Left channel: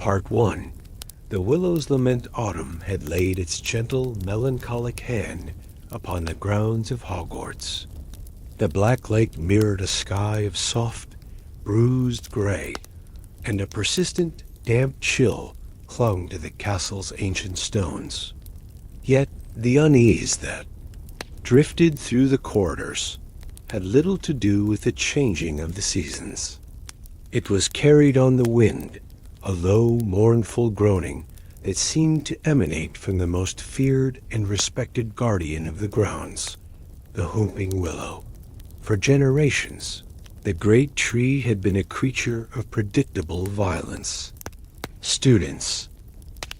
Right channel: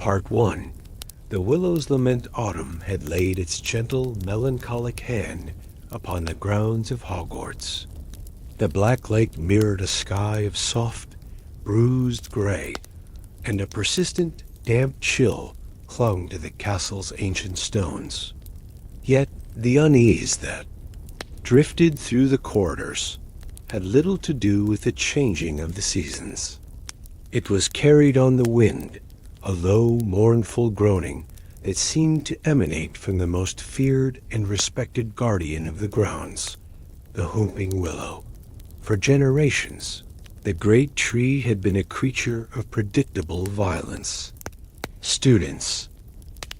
Part 1. The willow's lament autumn had laid its gentle, melancholic hand upon the grounds of Hogwarts. The black lake mirrored a sky of soft, bruised gray, and a persistent, damp chill clung to the castle's ancient stones. Yet the unease that drifted through the corridors had little to do with the changing of the seasons. It was carried on the wind, a low, mournful groaning that seemed to emanate from the most feared and respected guardian of the grounds, the Whomping Willow. For generations, the great tree had been a creature of predictable violence. Students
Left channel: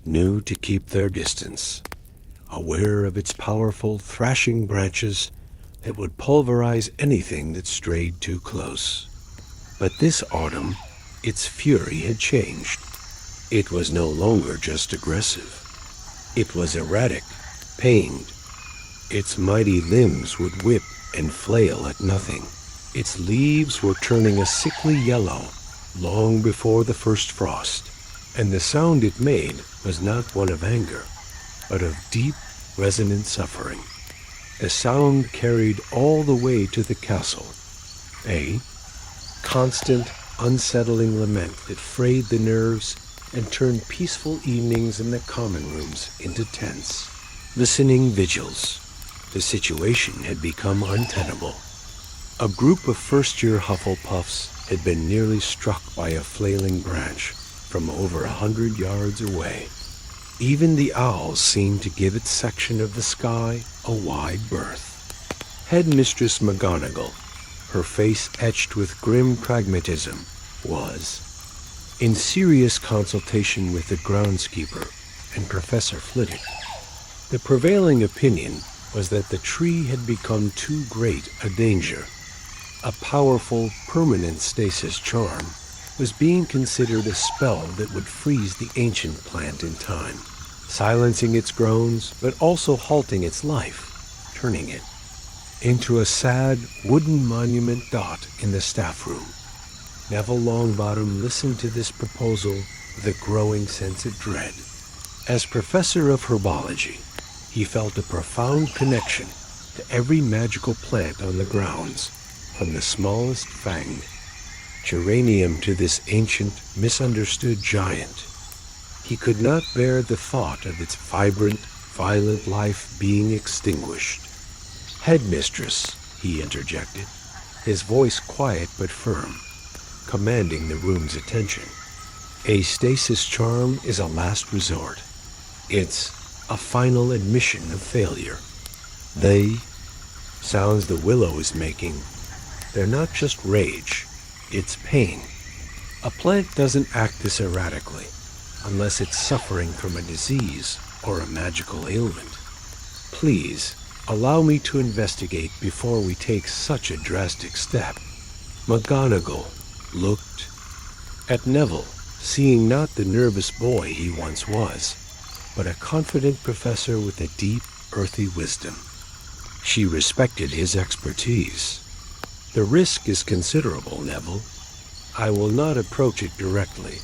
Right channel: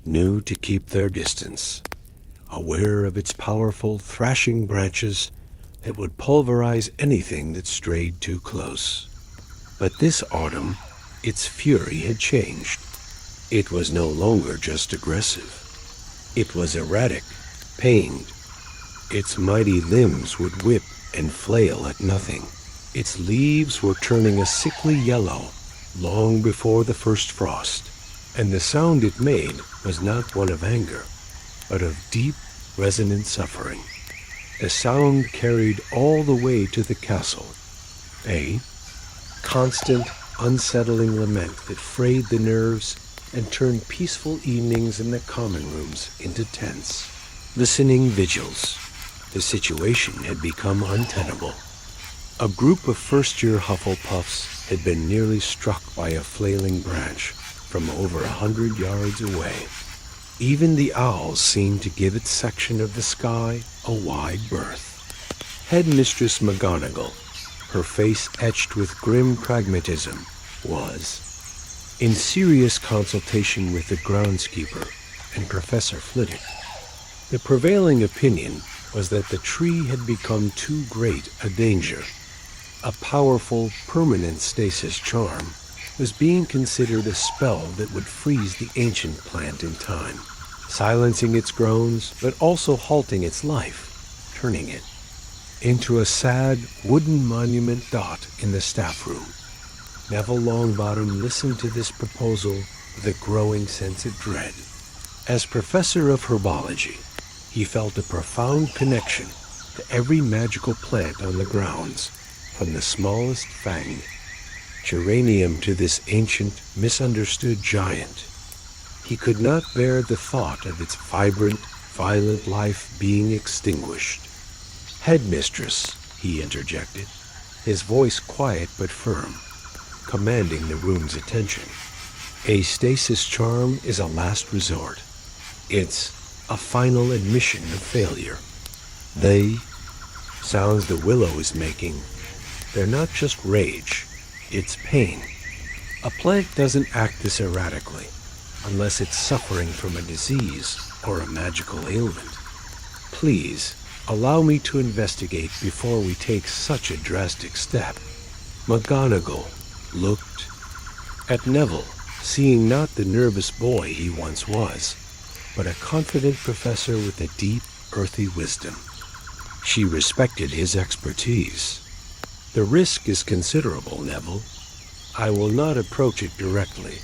knew to keep their distance, aware of its powerful, thrashing branches that would pulverize anything that strayed too close. But this autumn, its fury had changed. It was no longer just aggressive. It was erratic, pained. Its mighty limbs would whip and flail at nothing. Its leaves were turning a sickly yellow long before the first frost, and the sound it made was not one of anger, but of deep, resonant suffering. The sound carried all the way to the castle, a constant, unsettling lament that frayed the nerves and turned peaceful evenings in the common rooms into tense, listening vigils. The situation had become untenable. A group of first-year Hufflepuffs had been nearly struck by a flailing branch from over 100 yards away. Even the owls seemed to give its section of the sky a wide berth. Headmistress McGonagall, her face etched with grim pragmatism, was in serious consultation with the groundskeeper and Professor Flitwick. The prevailing opinion was that the tree had become too great a danger. A powerful, permanent stasis charm was being considered a spell that would freeze the ancient plant in time, silencing its groans but also halting its life, turning it into a sad, wooden monument dot in the staff room. Neville Longbottom listened to this proposal with a growing sense of dread. As professor of herbology, he felt a profound connection to every magical plant on the grounds, from the smallest fanged geranium to this ancient, misunderstood giant. He could not bear the thought of its vibrant, violent life being extinguished. "Headmistress," he interjected, his voice quiet but firm, commanding the room's attention. "A stasis charm is a last resort. It's a final admission of failure. They, sounds the willow is making, they're not just rage, it's pain. A plant doesn't act this erratically unless it's suffering from a disease or a magical ailment. Please, allow me to investigate before we take such a drastic step." McGonagall looked at Neville, seeing not the nervous boy he once was, but a confident professor with a deep, earthy wisdom. She respected his expertise. "The risk is considerable, Neville. I will not approach it directly,"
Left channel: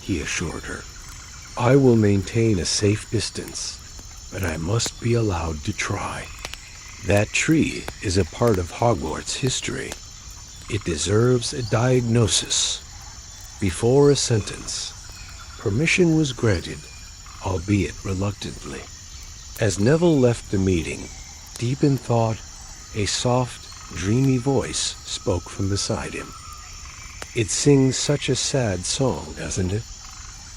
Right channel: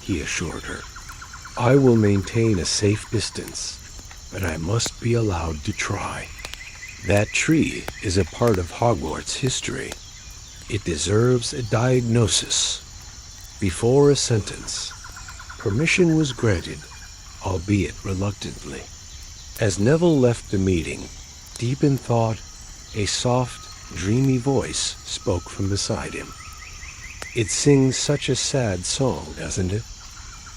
he assured her. "I will maintain a safe distance, but I must be allowed to try. That tree is a part of Hogwarts history. It deserves a diagnosis." Before a sentence, permission was granted, albeit reluctantly. As Neville left the meeting, deep in thought, a soft, dreamy voice spoke from beside him. "It sings such a sad song, doesn't it?"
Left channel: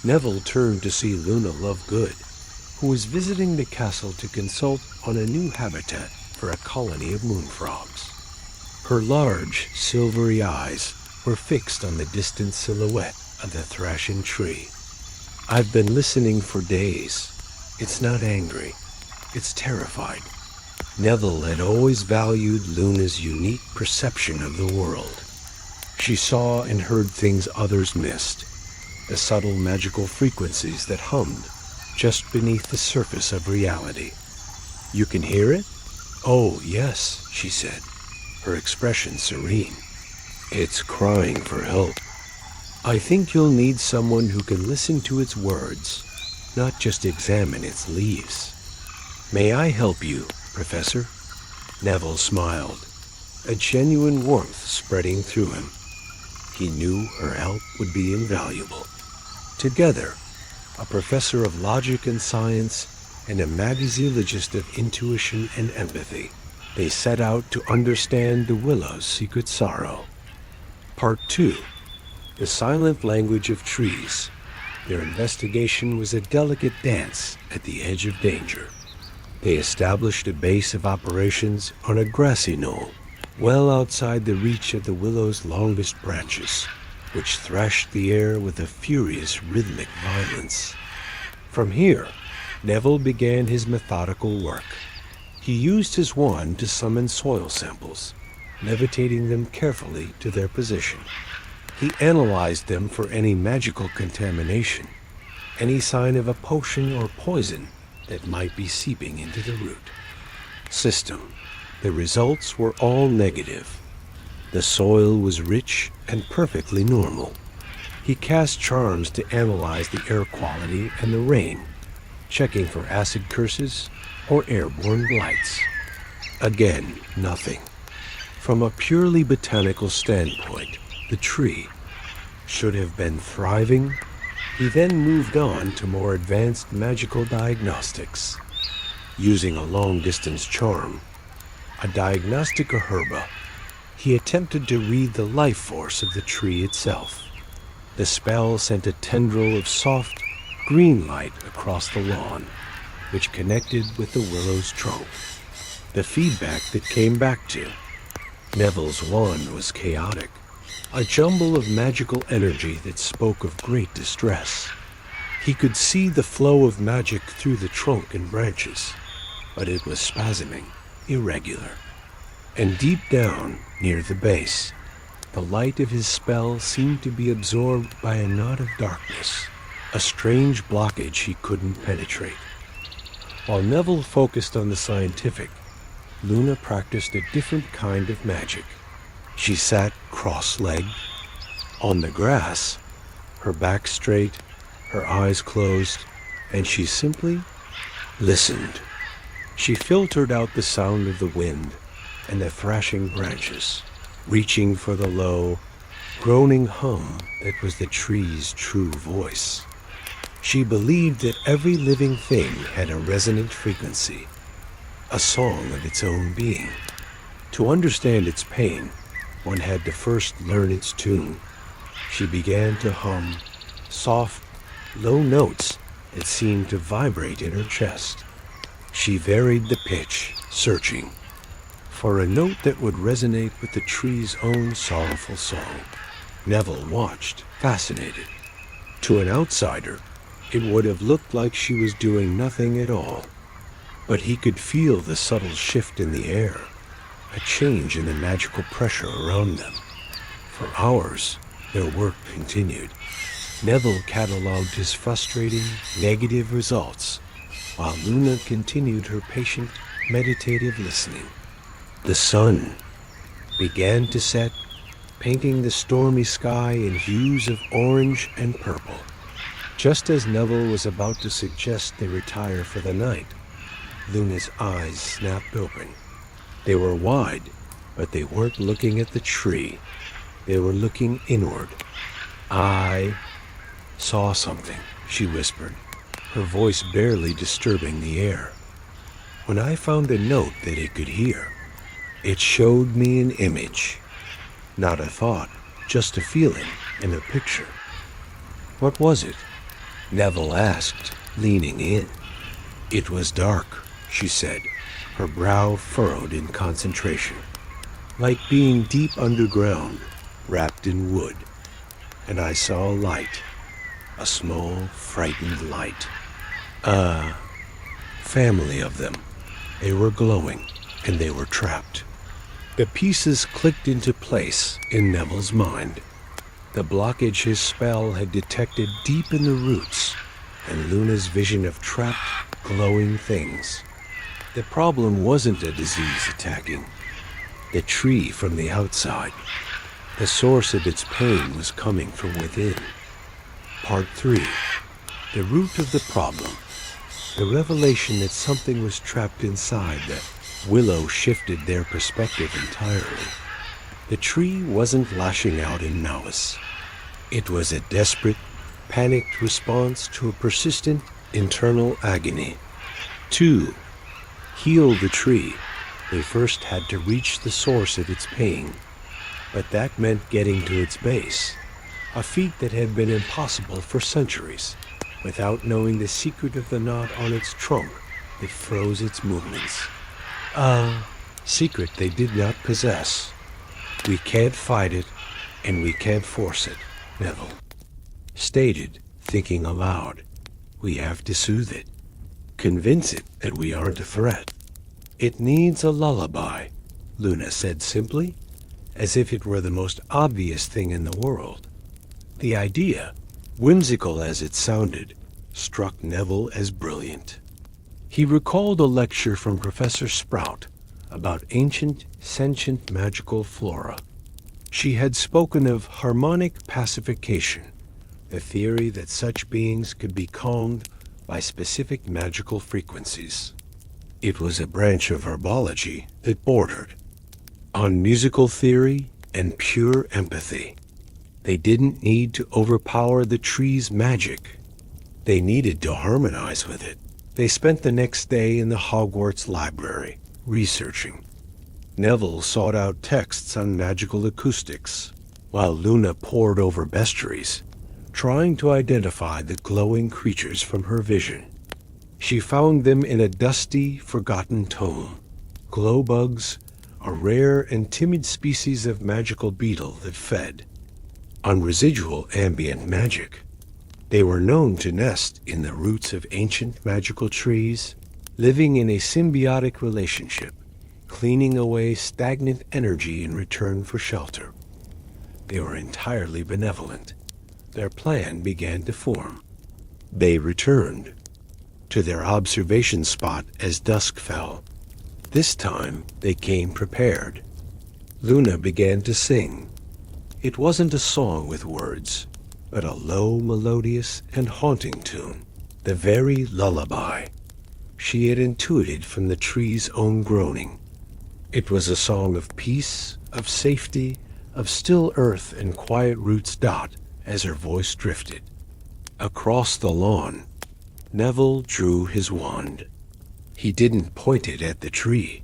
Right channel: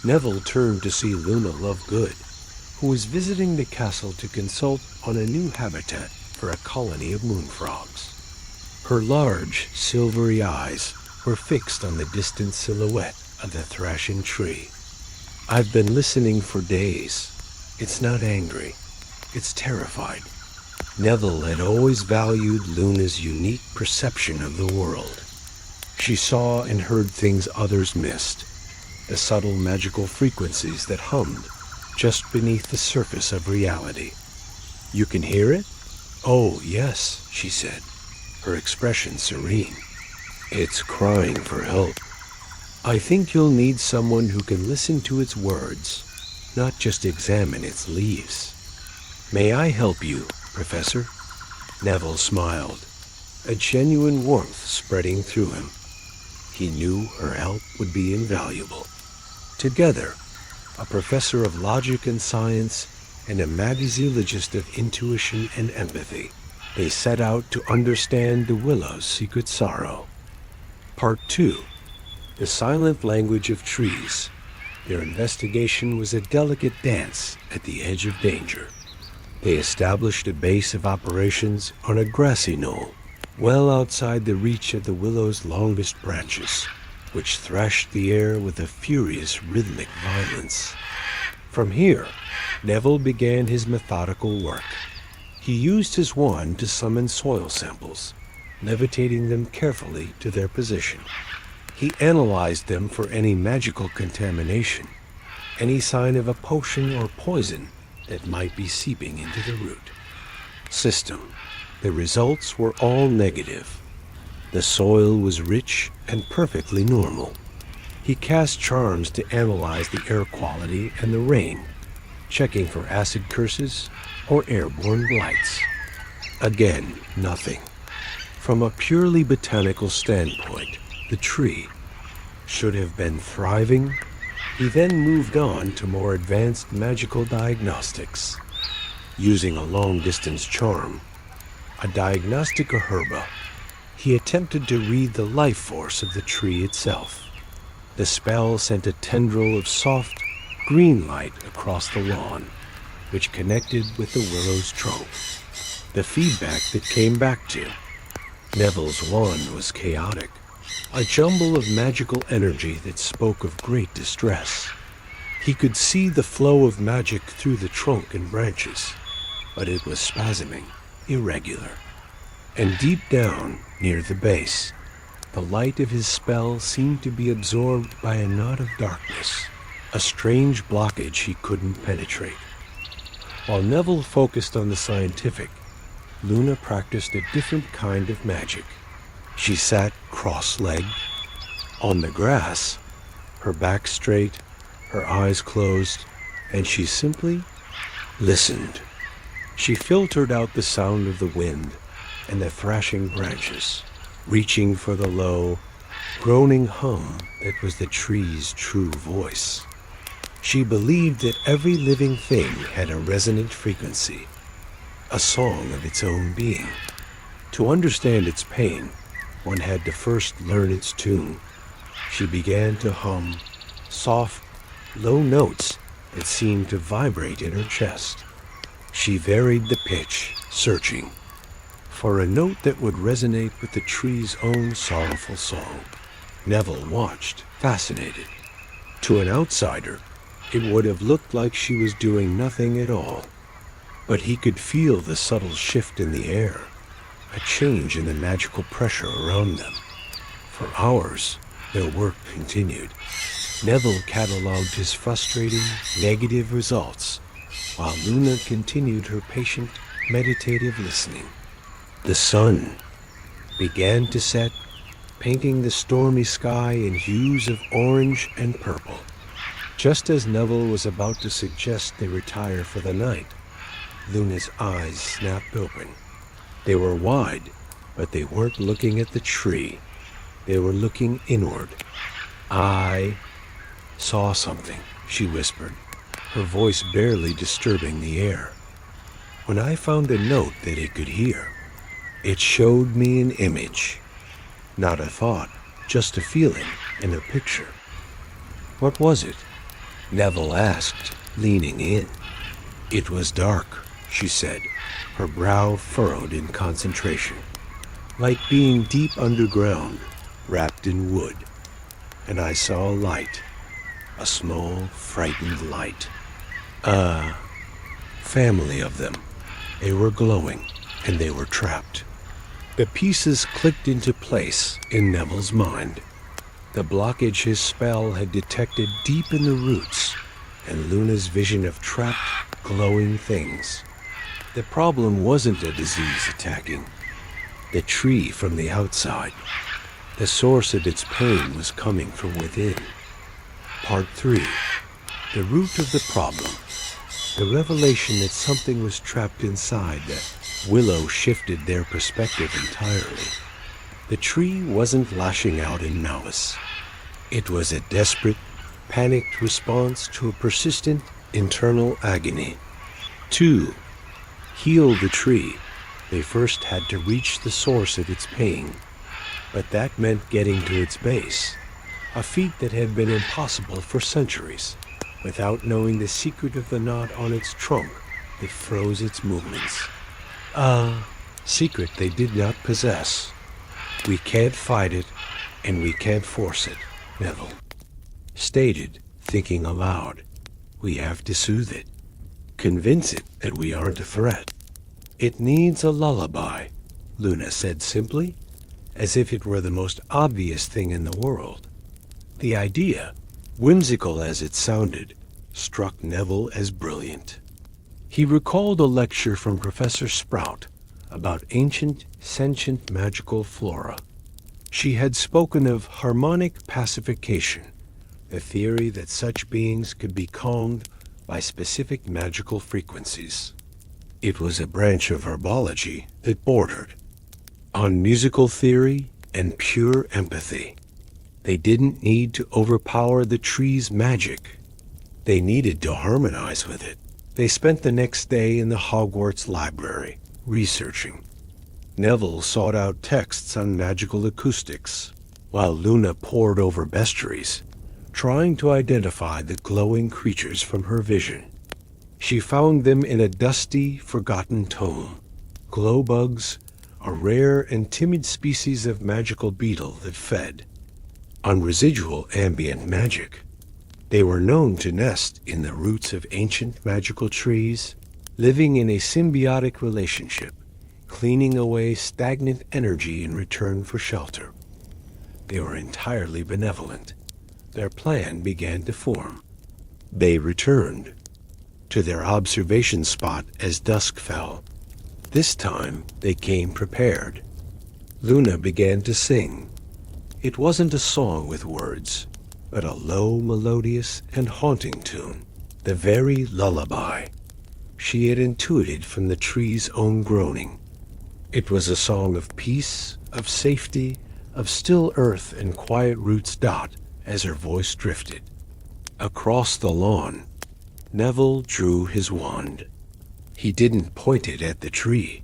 Neville turned to see Luna Lovegood, who was visiting the castle to consult on a new habitat for a colony of moonfrogs. Her large, silvery eyes were fixed on the distant silhouette of the thrashing tree. "I've been listening for days. It's not angry. It's terrified." Neville had always valued Luna's unique perception of the world. She saw and heard things others missed, the subtle magical frequencies that hummed just beneath the surface of reality. "You can hear it?" "Oh, yes," she said, her expression serene. "It's crying for help." I think you'll need someone who can listen to its words, not just examine its leaves. May I help you, Professor? Neville smiled, a genuine warmth spreading through him. He knew her help would be invaluable. Together, a professor of logic and science and a magaziologist of intuition and empathy, they set out to understand the willow's secret sorrow. Part 2. The Silent Language of Trees. Their investigation was a delicate dance at the edge of danger. They established a base of operations on a grassy knoll, well outside the reach of the willow's longest branches, which thrashed the air with a furious rhythmic violence. From here, Neville began his methodical work. He used his wand to summon soil samples, levitating them carefully to their position. He analyzed them for any magical contamination, any sign of a potion or poison that might be seeping into the root. System. The results were all negative. The soil was rich and perfectly normal. He cast charms to analyze the air quality and the rain, checking for acid curses or airborne blights. Again, nothing. From a purely botanical standpoint, the tree should have been thriving. He then moved on to more advanced magical diagnostics. Using a long-distance charm, a diagnostica herba, he attempted to read the life force of the tree itself. The spell sent a tendril of soft, green light across the lawn, which connected with the willow's trunk. The feedback that came back to Neville's wand was chaotic, a jumble of magical energy that spoke of great distress. He could see the flow of magic through the trunk and branches, but it was spasming, irregular. And deep down, near the base, the light of his spell seemed to be absorbed by a knot of darkness, a strange blockage he couldn't penetrate. While Neville focused on the scientific, Luna practiced a different kind of magic. She sat cross-legged on the grass, her back straight, her eyes closed, and she simply listened. She filtered out the sound of the wind and the thrashing branches, reaching for the low, groaning hum that was the tree's true voice. She believed that every living thing had a resonant frequency, a song of its own being. To understand its pain, one had to first learn its tune. She began to hum soft, low notes that seemed to vibrate in her chest. She varied the pitch, searching for a note that would resonate with the tree's own sorrowful song. Neville watched, fascinated. To an outsider, it would have looked like she was doing nothing at all. But he could feel the subtle shift in the air, a change in the magical pressure around them. For hours, their work continued. Neville catalogued his frustrating, negative results, while Luna continued her patient, meditative listening. The sun began to set, painting the stormy sky in hues of orange and purple. Just as Neville was about to suggest they retire for the night, Luna's eyes snapped open. They were wide, but they weren't looking at the tree. They were looking inward. "I saw something," she whispered, her voice barely disturbing the air. "When I found a note that it could hear, it showed me an image. Not a thought, just a feeling and a picture." "What was it?" Neville asked, leaning in. "It was dark," she said, her brow furrowed in concentration, "like being deep underground, wrapped in wood. And I saw a light, a small, frightened light. A family of them. They were glowing, and they were trapped." The pieces clicked into place in Neville's mind. The blockage his spell had detected deep in the roots, and Luna's vision of trapped, glowing things. The problem wasn't a disease attacking the tree from the outside. The source of its pain was coming from within. Part 3. The root of the problem. The revelation that something was trapped inside the willow shifted their perspective entirely. The tree wasn't lashing out in malice. It was a desperate, panicked response to a persistent internal agony. To heal the tree, they first had to reach the source of its pain. But that meant getting to its base, a feat that had been impossible for centuries, without knowing the secret of the knot on its trunk that froze its movements. Secret they did not possess. We can't fight it, and we can't force it, Neville stated, thinking aloud. We have to soothe it, convince it that we aren't a threat. It needs a lullaby, Luna said simply, as if it were the most obvious thing in the world. The idea, whimsical as it sounded, struck Neville as brilliant. He recalled a lecture from Professor Sprout about ancient, sentient magical flora. She had spoken of harmonic pacification, the theory that such beings could be calmed by specific magical frequencies. It was a branch of herbology that bordered on musical theory and pure empathy. They didn't need to overpower the tree's magic. They needed to harmonize with it. They spent the next day in the Hogwarts library, researching. Neville sought out texts on magical acoustics, while Luna pored over bestiaries, trying to identify the glowing creatures from her vision. She found them in a dusty, forgotten tome. Glowbugs, a rare and timid species of magical beetle that fed on residual ambient magic. They were known to nest in the roots of ancient magical trees, living in a symbiotic relationship, cleaning away stagnant energy in return for shelter. They were entirely benevolent. Their plan began to form. They returned to their observation spot as dusk fell. This time they came prepared. Luna began to sing. It wasn't a song with words, but a low, melodious, and haunting tune, the very lullaby she had intuited from the tree's own groaning. It was a song of peace, of safety, of still earth and quiet roots. As her voice drifted across the lawn, Neville drew his wand. He didn't point it at the tree.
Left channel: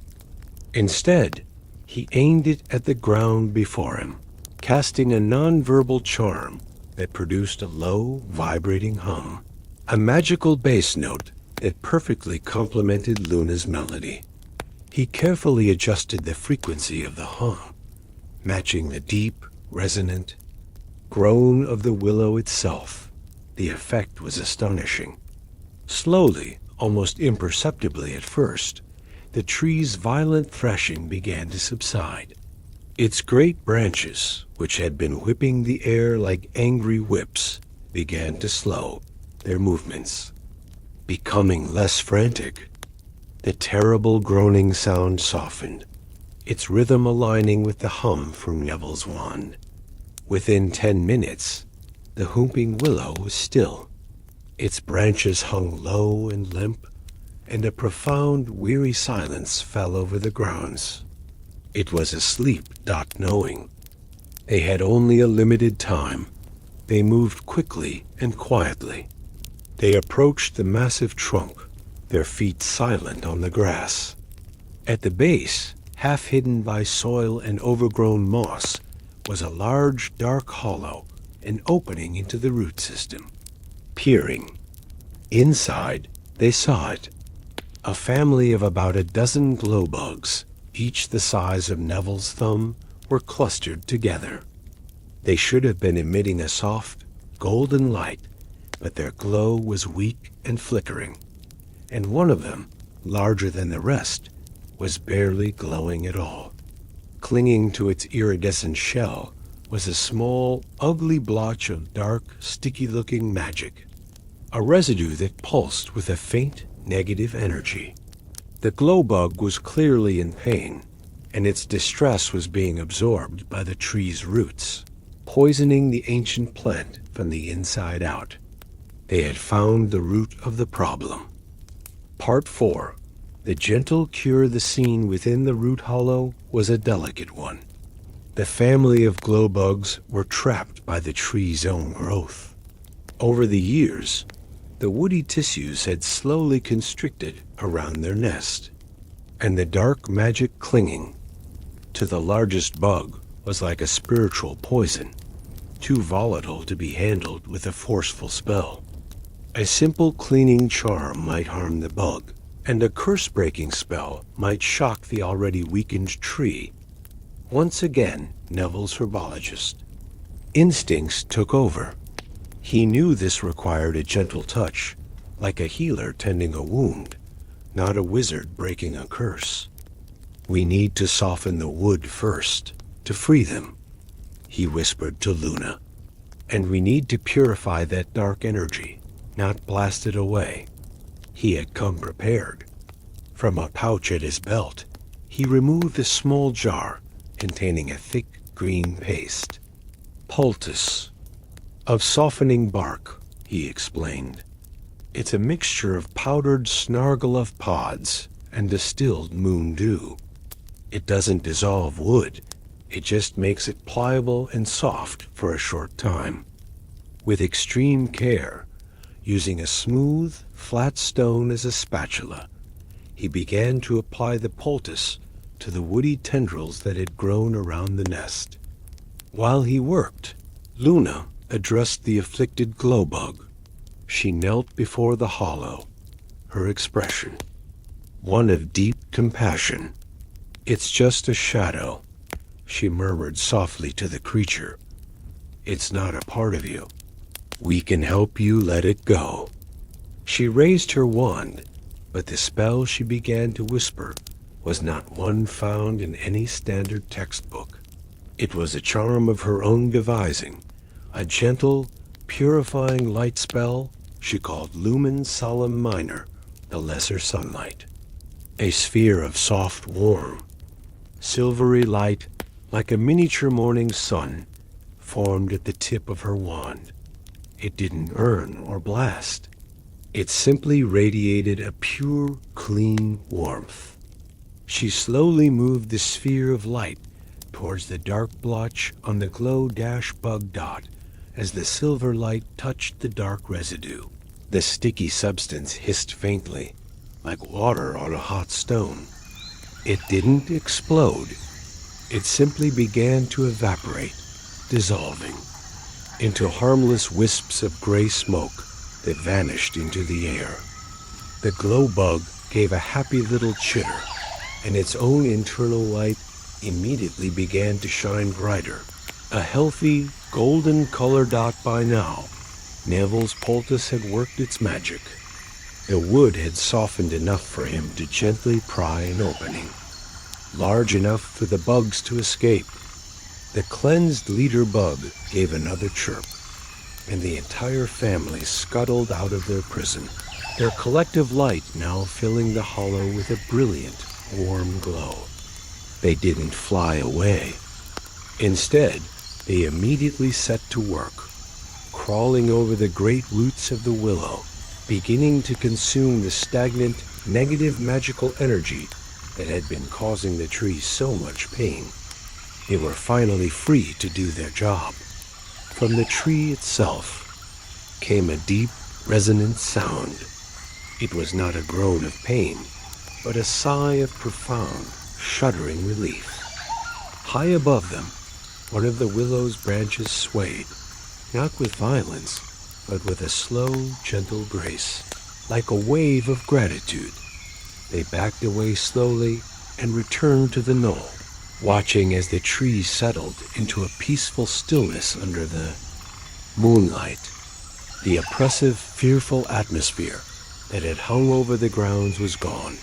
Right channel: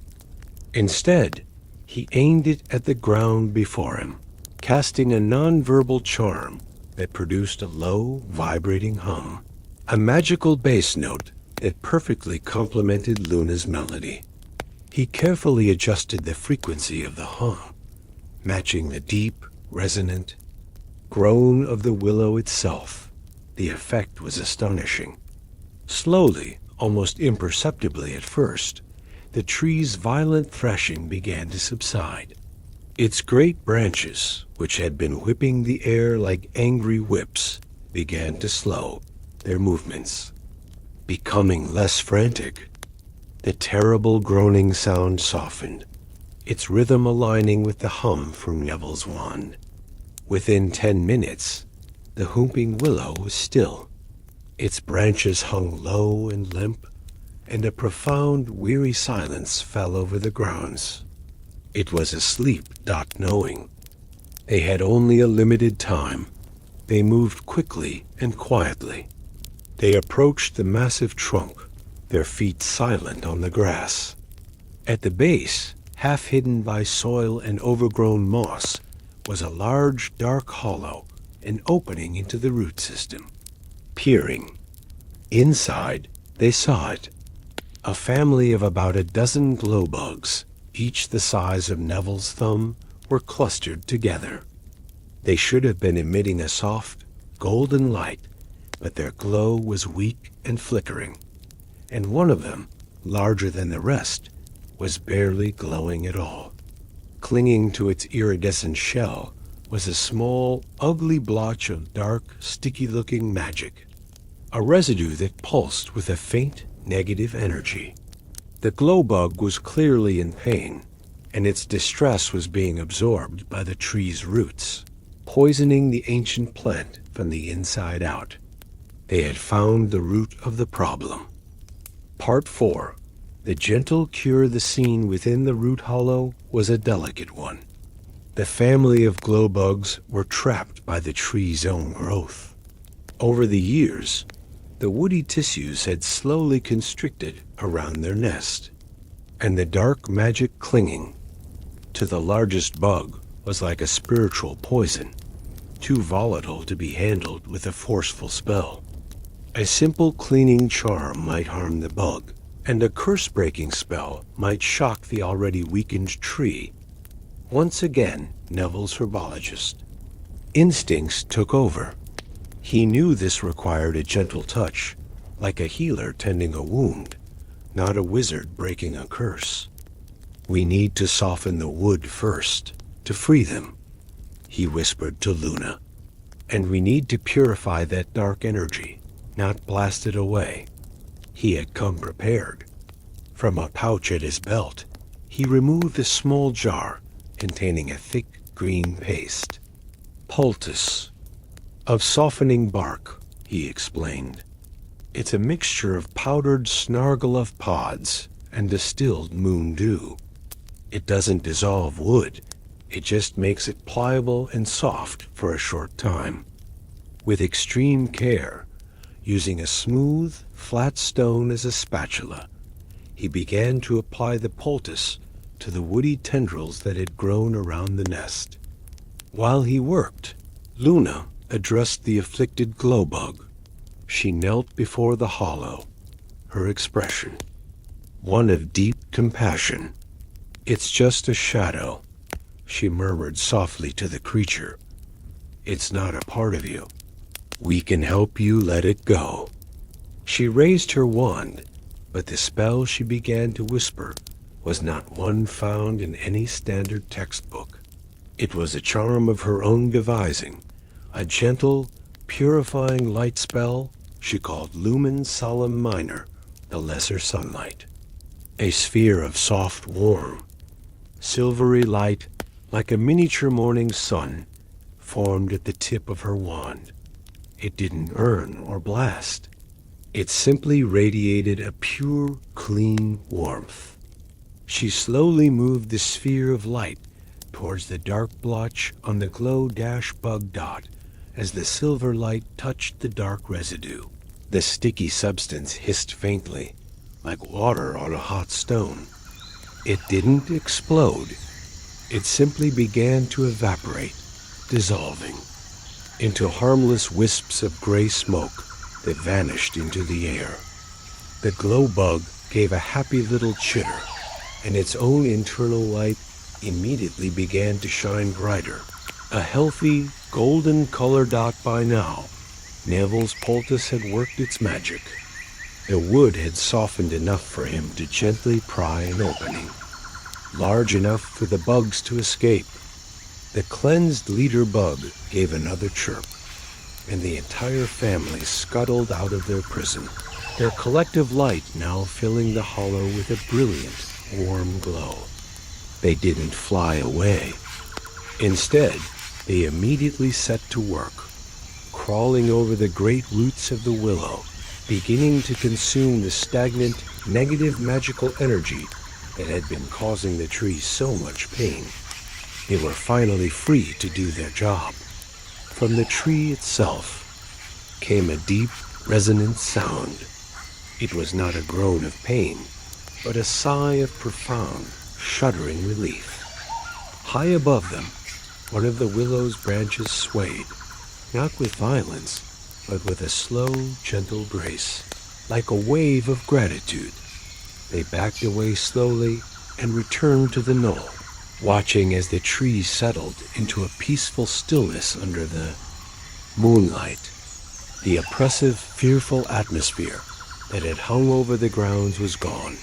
Instead, he aimed it at the ground before him, casting a non-verbal charm that produced a low, vibrating hum, a magical bass note that perfectly complemented Luna's melody. He carefully adjusted the frequency of the hum, matching the deep, resonant groan of the willow itself. The effect was astonishing. Slowly, almost imperceptibly at first, the tree's violent threshing began to subside. Its great branches, which had been whipping the air like angry whips, began to slow their movements, becoming less frantic. The terrible groaning sound softened, its rhythm aligning with the hum from Neville's wand. Within 10 minutes, the Whomping Willow was still. Its branches hung low and limp, and a profound, weary silence fell over the grounds. It was asleep, not knowing. They had only a limited time. They moved quickly and quietly. They approached the massive trunk, their feet silent on the grass. At the base, half hidden by soil and overgrown moss, was a large, dark hollow, an opening into the root system. Peering inside, they saw it. A family of about a dozen glowbugs, each the size of Neville's thumb, were clustered together. They should have been emitting a soft, golden light, but their glow was weak and flickering, and one of them, larger than the rest, was barely glowing at all. Clinging to its iridescent shell was a small, ugly blotch of dark, sticky-looking magic, a residue that pulsed with a faint, negative energy. The glowbug was clearly in pain. and its distress was being absorbed by the tree's roots, poisoning the ancient plant from the inside out. They had found the root of the problem. Part 4. The gentle cure. The scene within the root hollow was a delicate one. The family of glowbugs were trapped by the tree's own growth. Over the years, the woody tissues had slowly constricted around their nest, and the dark magic clinging to the largest bug was like a spiritual poison, too volatile to be handled with a forceful spell. A simple cleaning charm might harm the bug, and a curse-breaking spell might shock the already weakened tree. Once again, Neville's herbologist. Instincts took over. He knew this required a gentle touch, like a healer tending a wound, not a wizard breaking a curse. "We need to soften the wood first, to free them," he whispered to Luna. "And we need to purify that dark energy, not blast it away." He had come prepared. From a pouch at his belt, he removed a small jar containing a thick green paste. "Poultice of softening bark," he explained. "It's a mixture of powdered snargle pods and distilled moon dew. It doesn't dissolve wood, it just makes it pliable and soft for a short time. With extreme care, using a smooth, flat stone as a spatula, he began to apply the poultice to the woody tendrils that had grown around the nest. While he worked, Luna addressed the afflicted glowbug. She knelt before the hollow, her expression one of deep compassion. "It's just a shadow," she murmured softly to the creature. "It's not a part of you. We can help you let it go." She raised her wand, but the spell she began to whisper was not one found in any standard textbook. It was a charm of her own devising, a gentle, purifying light spell she called Lumen Solemn Minor, the lesser sunlight. A sphere of soft, warm, silvery light, like a miniature morning sun, formed at the tip of her wand. It didn't burn or blast. It simply radiated a pure, clean warmth. She slowly moved the sphere of light towards the dark blotch on the glow-bug dot as the silver light touched the dark residue. The sticky substance hissed faintly, like water on a hot stone. It didn't explode. It simply began to evaporate, dissolving into harmless wisps of gray smoke that vanished into the air. The glow bug gave a happy little chitter, and its own internal light immediately began to shine brighter. A healthy, golden color dot by now, Neville's poultice had worked its magic. The wood had softened enough for him to gently pry an opening, large enough for the bugs to escape. The cleansed leader bug gave another chirp, and the entire family scuttled out of their prison, their collective light now filling the hollow with a brilliant, warm glow. They didn't fly away. Instead, they immediately set to work, crawling over the great roots of the willow, beginning to consume the stagnant, negative magical energy that had been causing the tree so much pain. They were finally free to do their job. From the tree itself came a deep, resonant sound. It was not a groan of pain, but a sigh of profound, shuddering relief. High above them, one of the willow's branches swayed, not with violence, but with a slow, gentle grace, like a wave of gratitude. They backed away slowly and returned to the knoll, watching as the tree settled into a peaceful stillness under the moonlight. The oppressive, fearful atmosphere that had hung over the grounds was gone,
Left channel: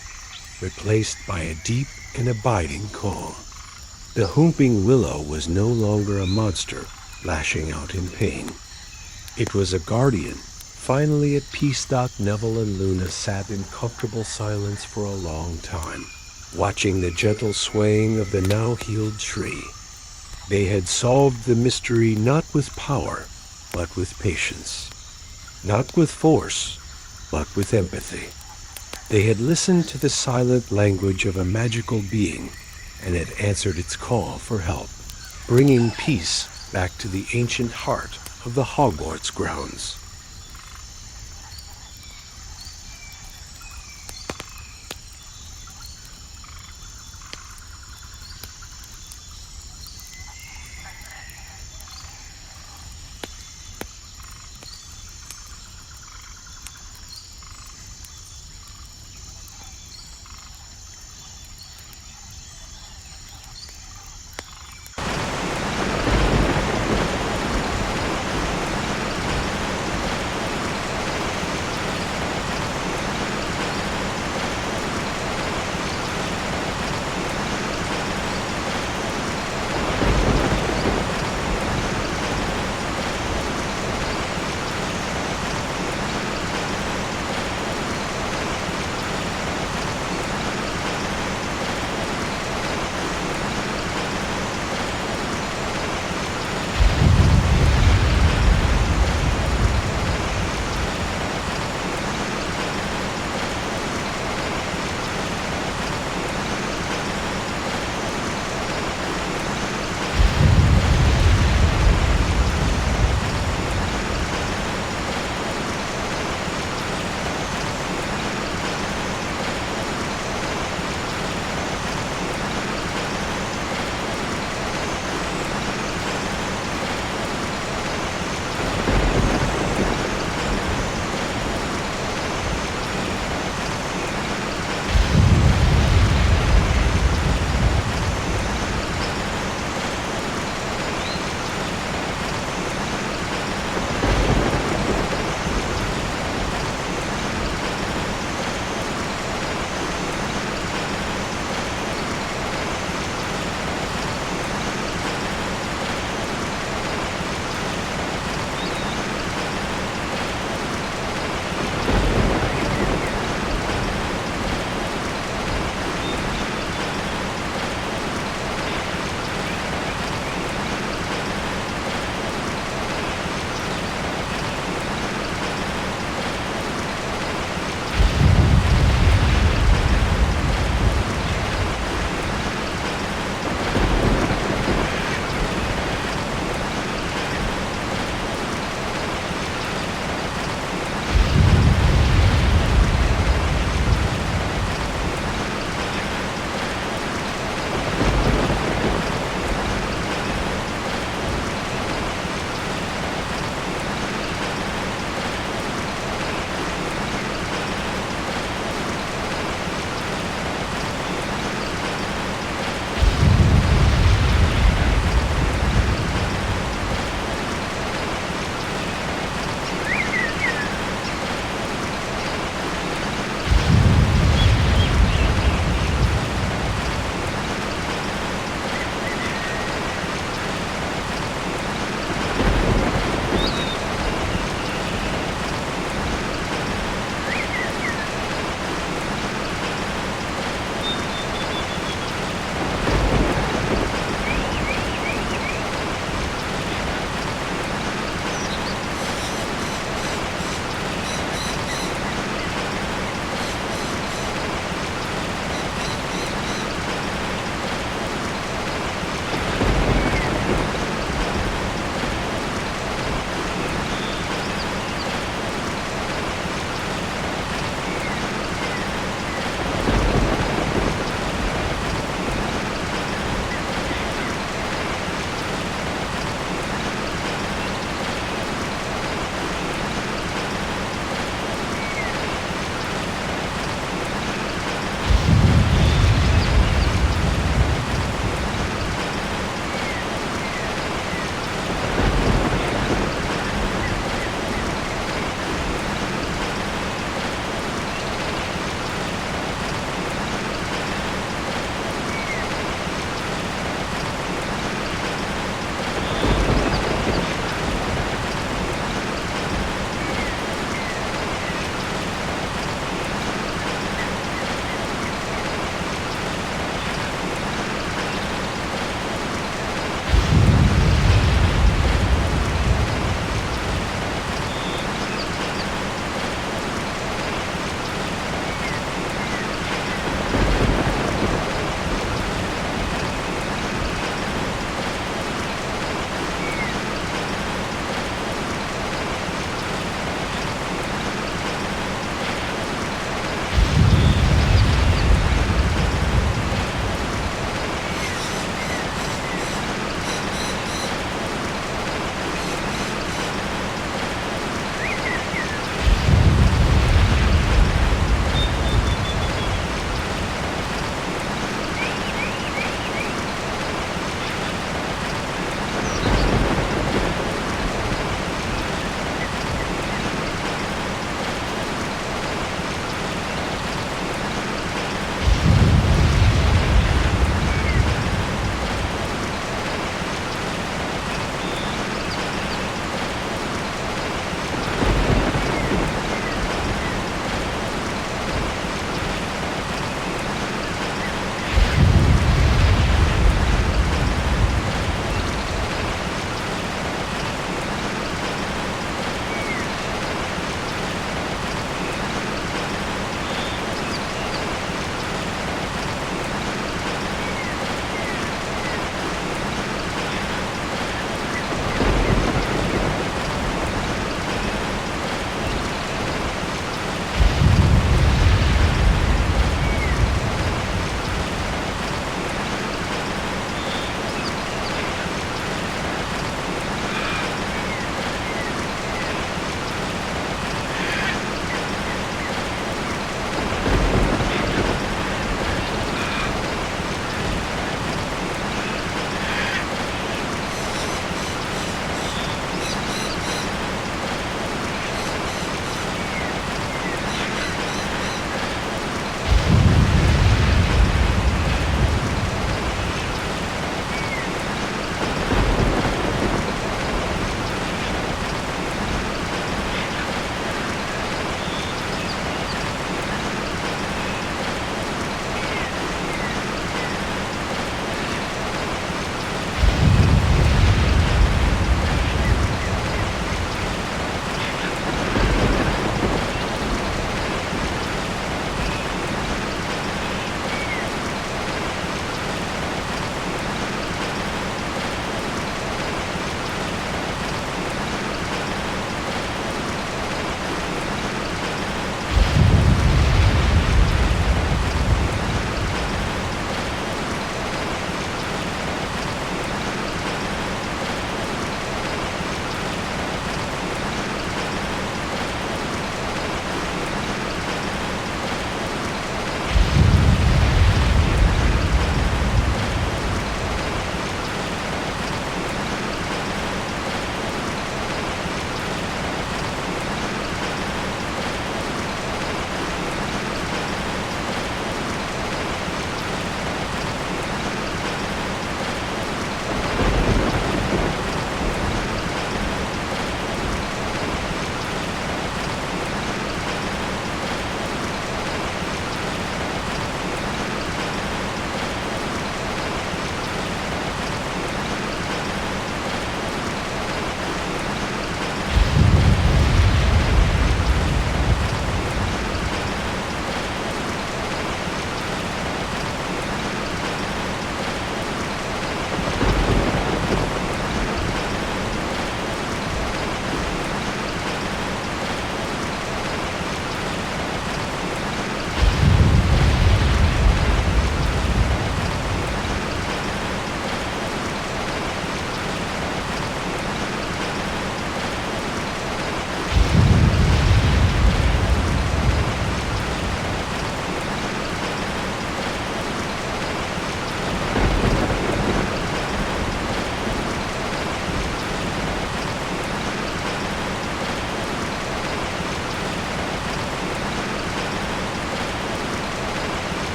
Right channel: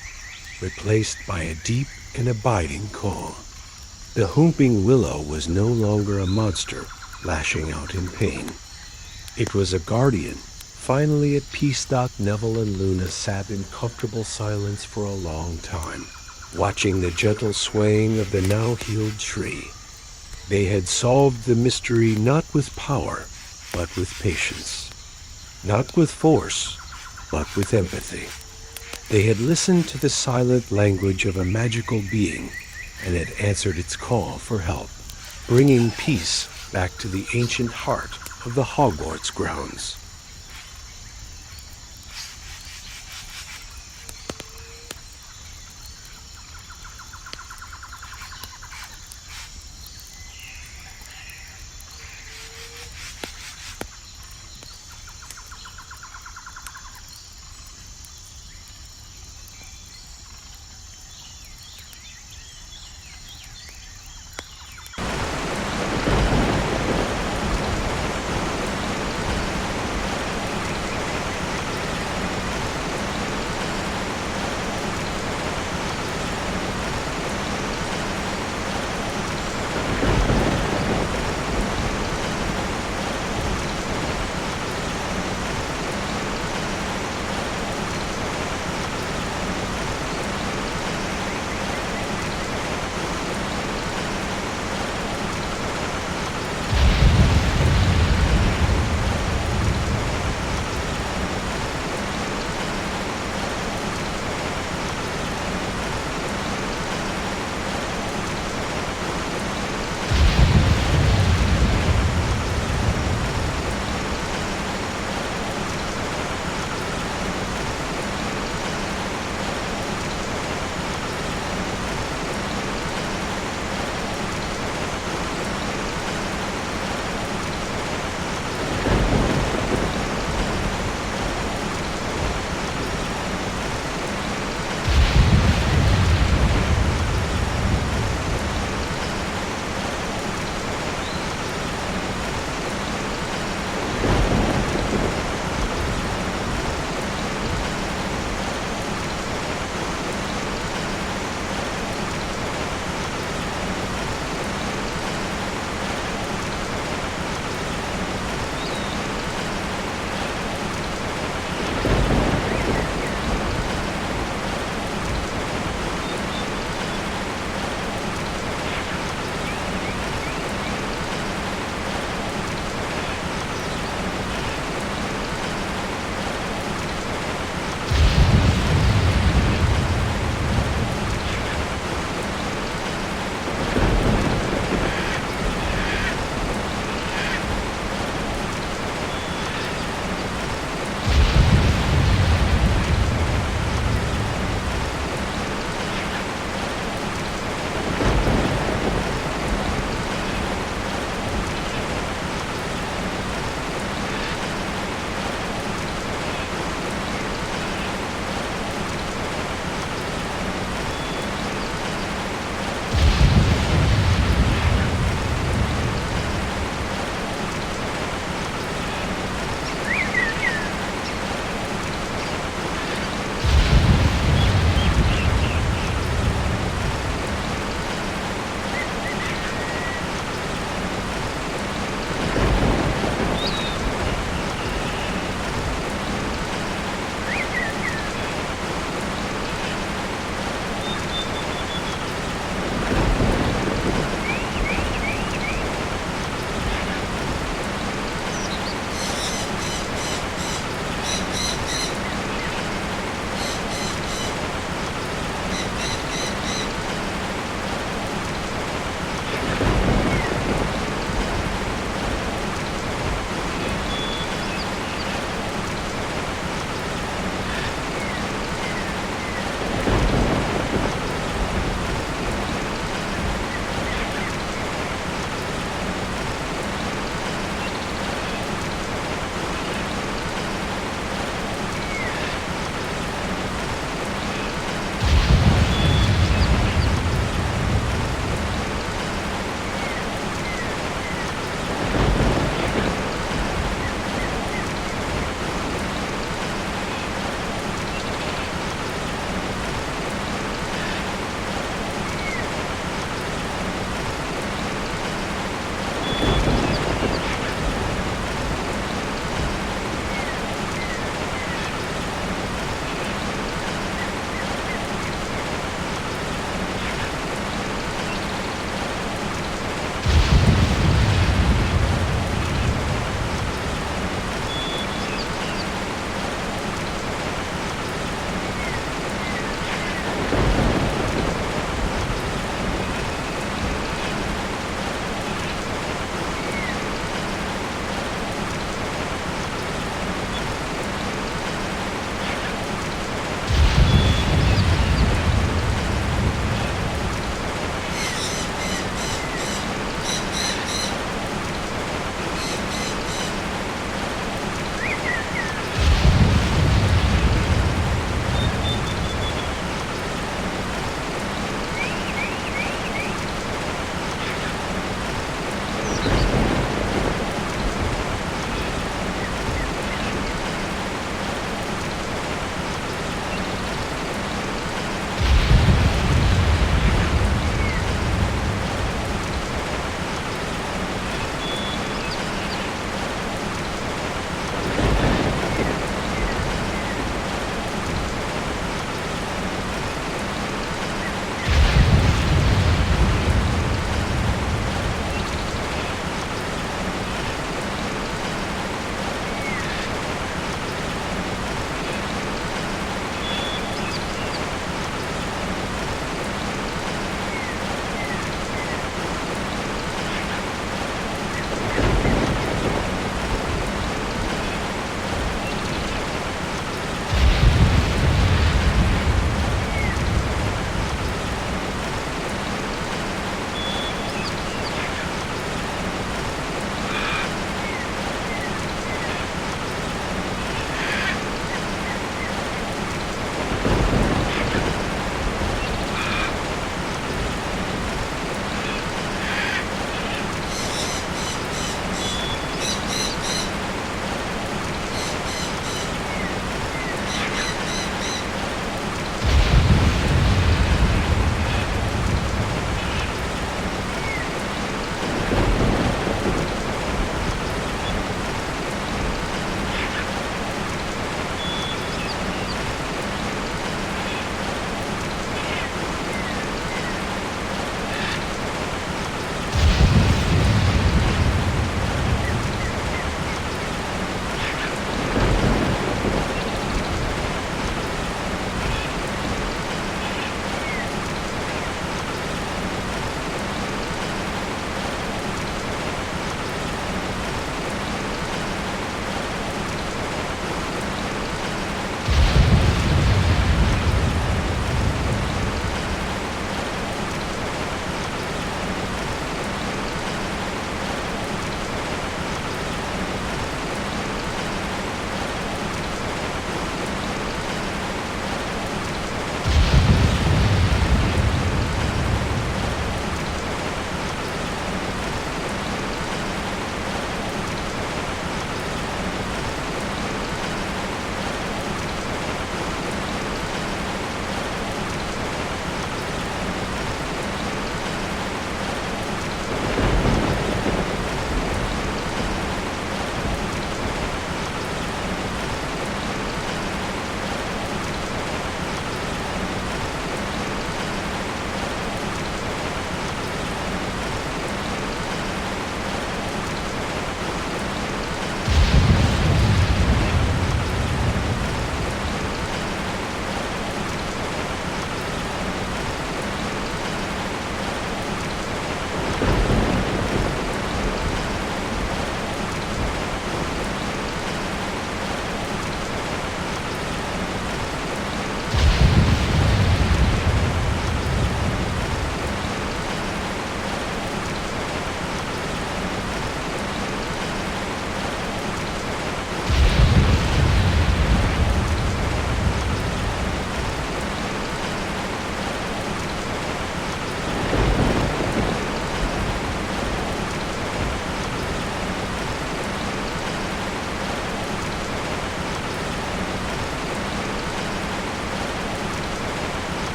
replaced by a deep and abiding calm. The Whomping Willow was no longer a monster lashing out in pain. It was a guardian, finally at peace. Neville and Luna sat in comfortable silence for a long time. watching the gentle swaying of the now-healed tree. They had solved the mystery not with power, but with patience. Not with force, but with empathy. They had listened to the silent language of a magical being and had answered its call for help, bringing peace back to the ancient heart of the Hogwarts grounds.